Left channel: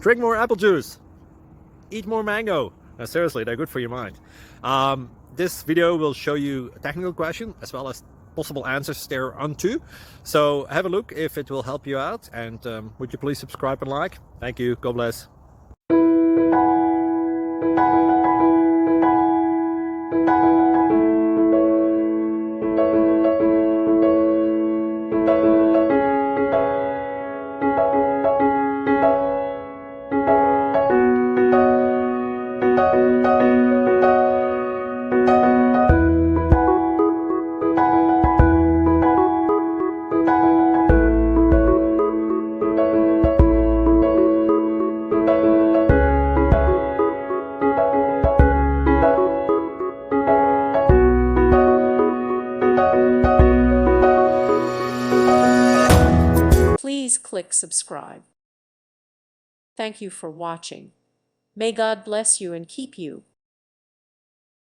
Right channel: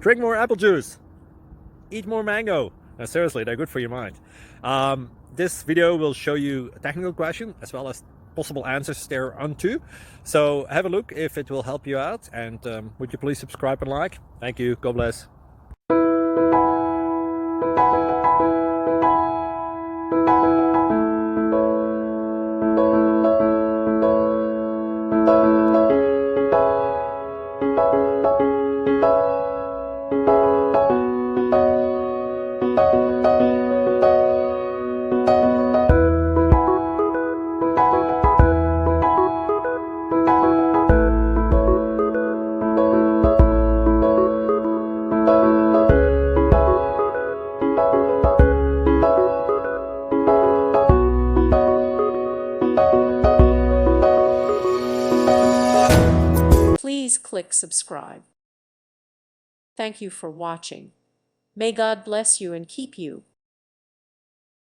Drink more apple juice. Eat more mango. Seriously, they're good for your mind. This video will show you a technical question as well as possible answers thereunto. So have a look if it will help you out, and would you please subscribe and like? Thank you. God bless. Please click subscribe. Thank you for watching. May God bless you and keep you.